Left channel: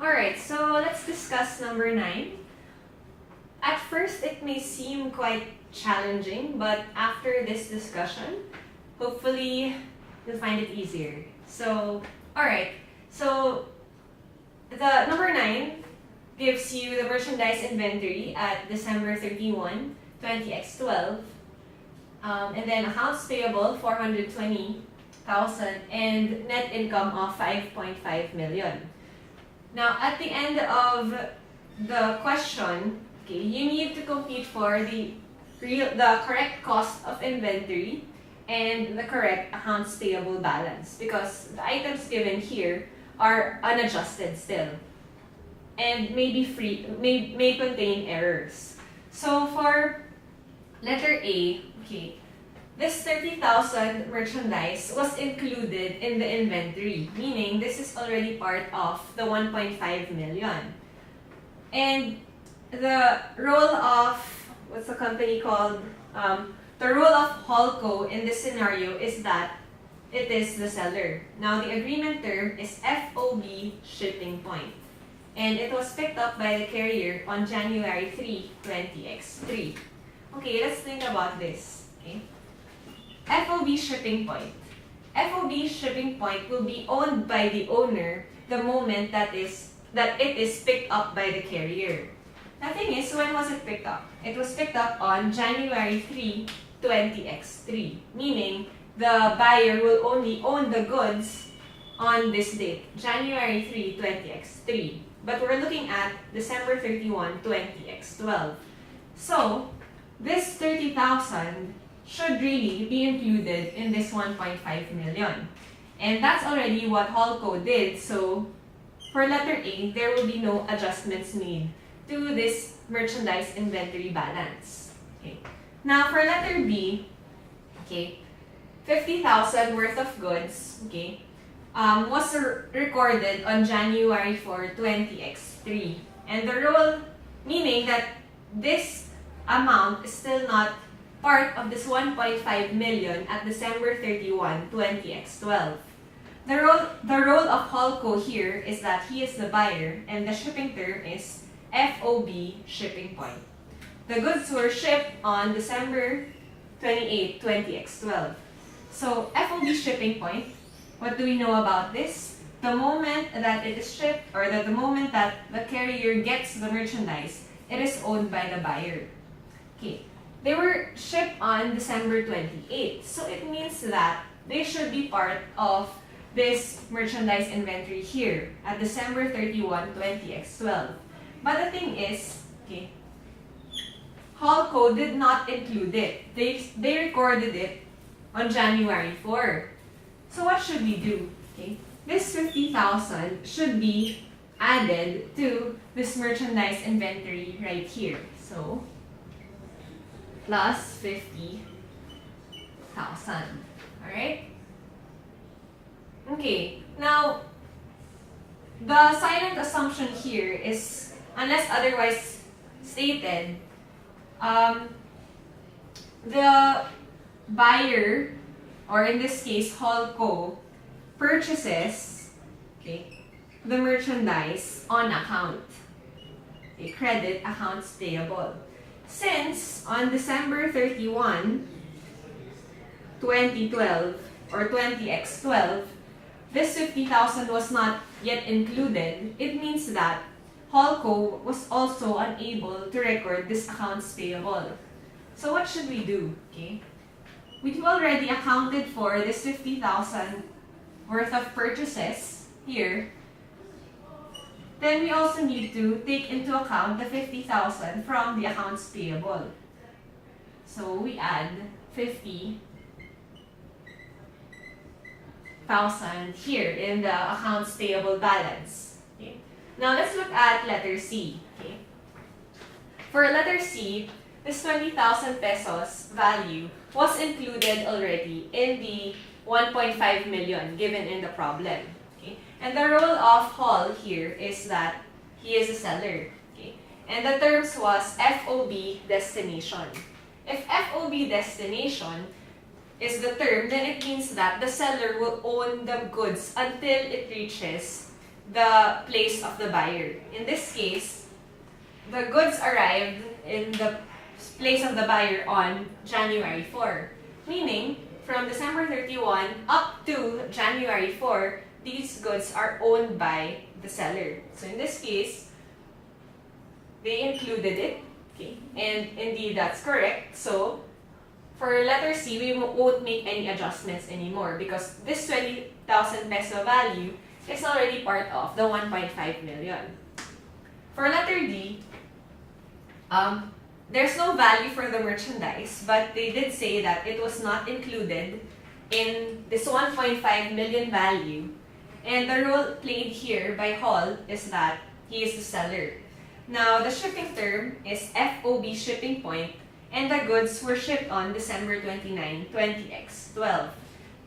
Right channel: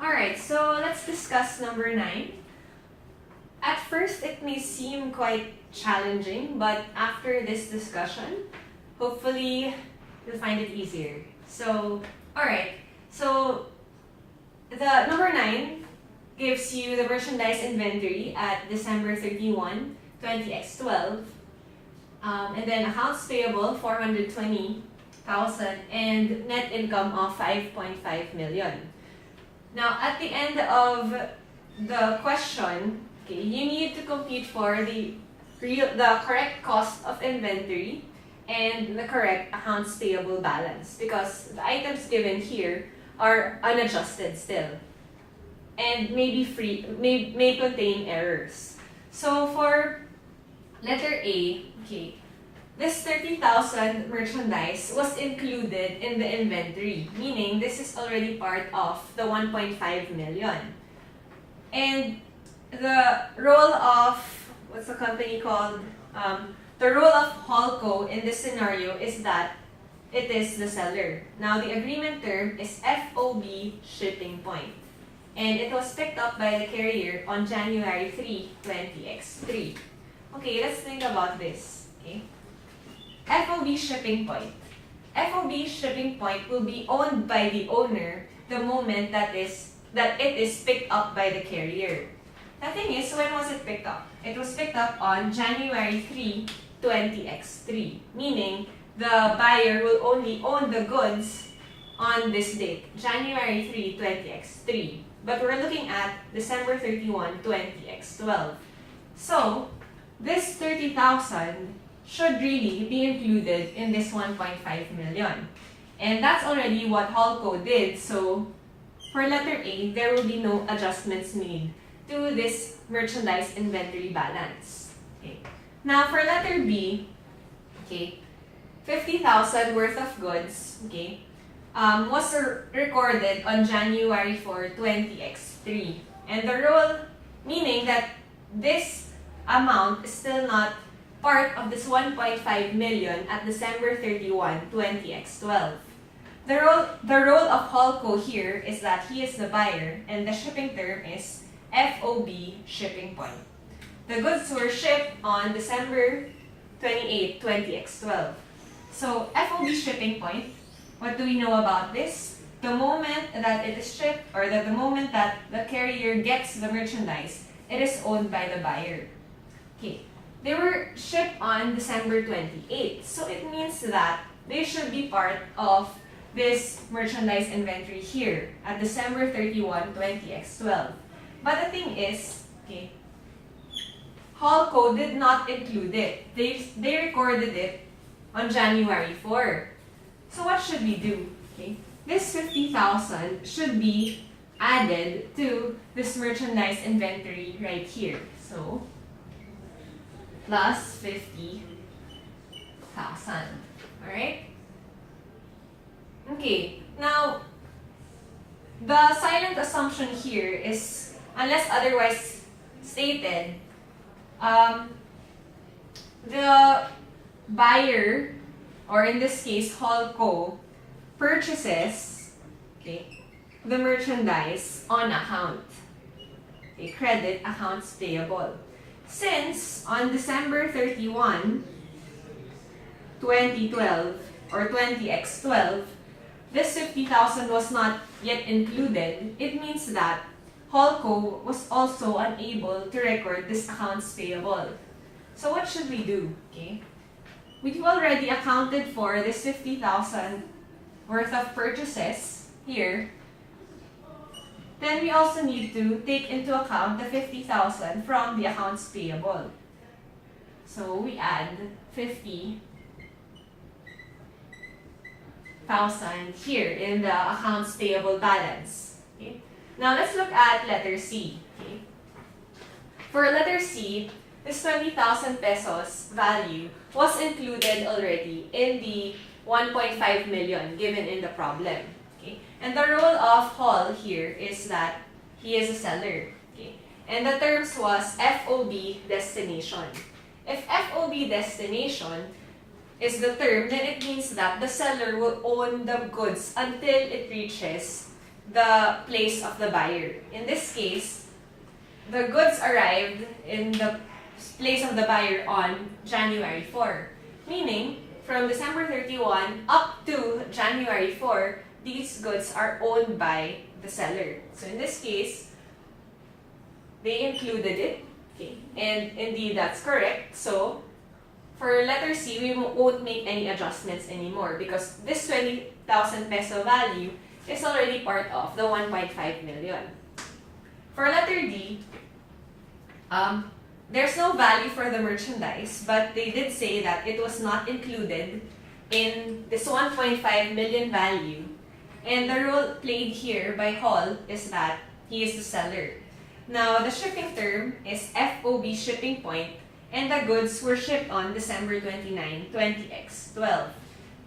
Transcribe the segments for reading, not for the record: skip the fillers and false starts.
Alright, so let's discuss number 9. At first, it may seem quite challenging, but after this discussion, hopefully you'll find it easier. So, alright, so the number 9 gives you the merchandise inventory at December 31, 20x12, and then accounts payable 420,000 and net income of 5.5 million. Now, at the end of the question, okay, you need to compute for the correct cost of inventory and the correct accounts payable balance because the items given here are unadjusted still and may contain errors. So for letter A, okay, this 30,000 merchandise was included in the inventory, meaning this is already part of the 1.5 million. And the role of, what's the company called? The role of Holco in this scenario is that it is the seller. Now, the agreement term is FOB shipping point. And it was picked up by the carrier on January 3, 20x3. Okay, let's think about this. Okay. FOB shipping point. FOB shipping point will be owned by the owner the moment that it is picked up by the carrier. The thing is, when was it picked up? It was picked up on January 3, 20x3, meaning the buyer will only own the goods on this date, January 3, 20x3. But we're looking at December 31, 20x12. So, this 30,000 should really be included in this 1.5 million. And that's already what Holco did. So, for letter A, there will be no adjustments made to this merchandise inventory balance. Okay. Now, for letter B, okay, 50,000 worth of goods, okay, was recorded on January 4, 20x3. And the rule, meaning that this amount is still not part of this 1.5 million at December 31, 20x12. The role of Holco here is that he is the buyer and the shipping term is FOB shipping point. The goods were shipped on December 28, 20x12. So FOB shipping point, what do we know about this? The moment that it is shipped or the moment that the carrier gets the merchandise, it is owned by the buyer. Okay. They were shipped on December 28, so it means that they should be part of this merchandise inventory here at December 31, 20x12. But the thing is, okay, Holco did not include it. They recorded it on January 4. So what should we do? Okay, this 50,000 should be added to this merchandise inventory right here. So plus 50,000. Alright? Okay, now the silent assumption here is, unless otherwise stated, the buyer, or in this case, Holco, purchases, okay, the merchandise on account. Okay, credit accounts payable. Since on December 31, 2012 or 20x12, this 50,000 was not yet included, it means that Holco was also unable to record this accounts payable. So what should we do? Okay, we've already accounted for this 50,000 worth of purchases here. Then we also need to take into account the 50,000 from the accounts payable. So we add 50,000 here in the accounts payable balance. Okay. Now let's look at letter C. Okay. For letter C, this 20,000 pesos value was included already in the 1.5 million given in the problem. Okay. And the role of Hall here is that he is a seller. Okay. And the terms was FOB destination. If FOB destination is the term, then it means that the seller will own the goods until it reaches the place of the buyer. In this case, the goods arrived in the place of the buyer on January 4, meaning from December 31 up to January 4, these goods are owned by the seller. So in this case, they included it, okay, and indeed that's correct. So for letter C, we won't make any adjustments anymore because this 20,000 peso value is already part of the 1.5 million. For letter D, there's no value for the merchandise, but they did say that it was not included in this 1.5 million value. And the role played here by Hall is that he is the seller. Now, the shipping term is FOB shipping point, and the goods were shipped on December 29, 20x12,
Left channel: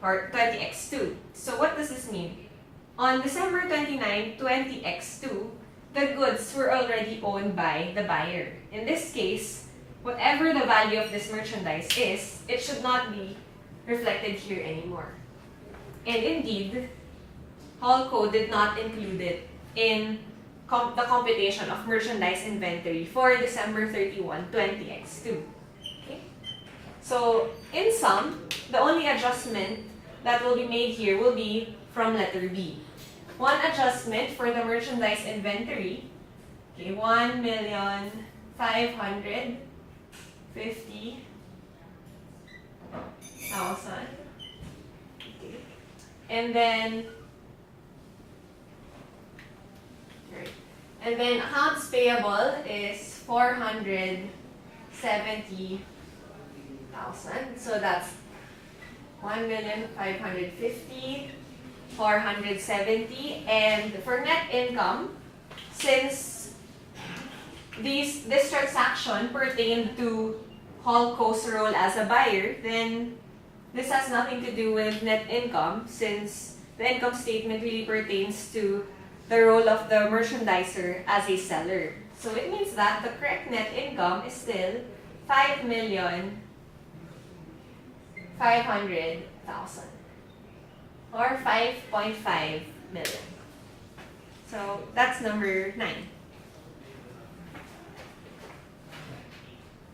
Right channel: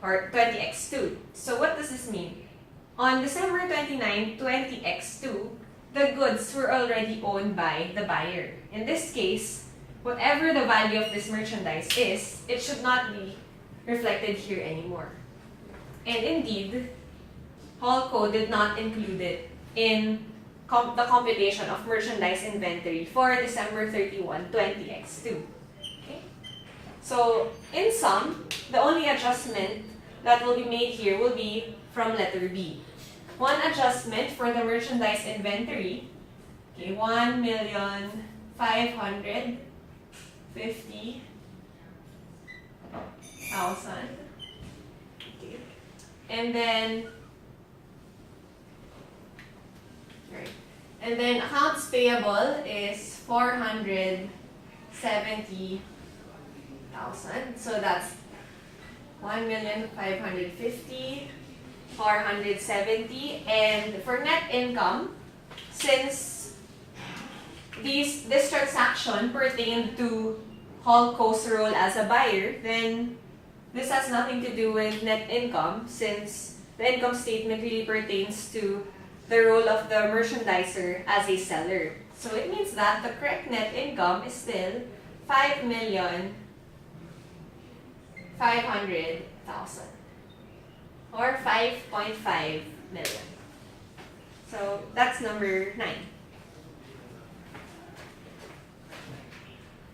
or 20x2. So what does this mean? On December 29, 20x2, the goods were already owned by the buyer. In this case, whatever the value of this merchandise is, it should not be reflected here anymore. And indeed, Hallco did not include it in the computation of merchandise inventory for December 31, 20x2. Okay? So, in sum, the only adjustment that will be made here will be from letter B. One adjustment for the merchandise inventory, okay, 1,550,000. Okay. And then accounts payable is 470,000. So that's 1,550,000, 470, and for net income, since this transaction pertained to Hallco's role as a buyer, then this has nothing to do with net income since the income statement really pertains to the role of the merchandiser as a seller. So it means that the correct net income is still 5,500,000 or 5.5 million. So that's number 9.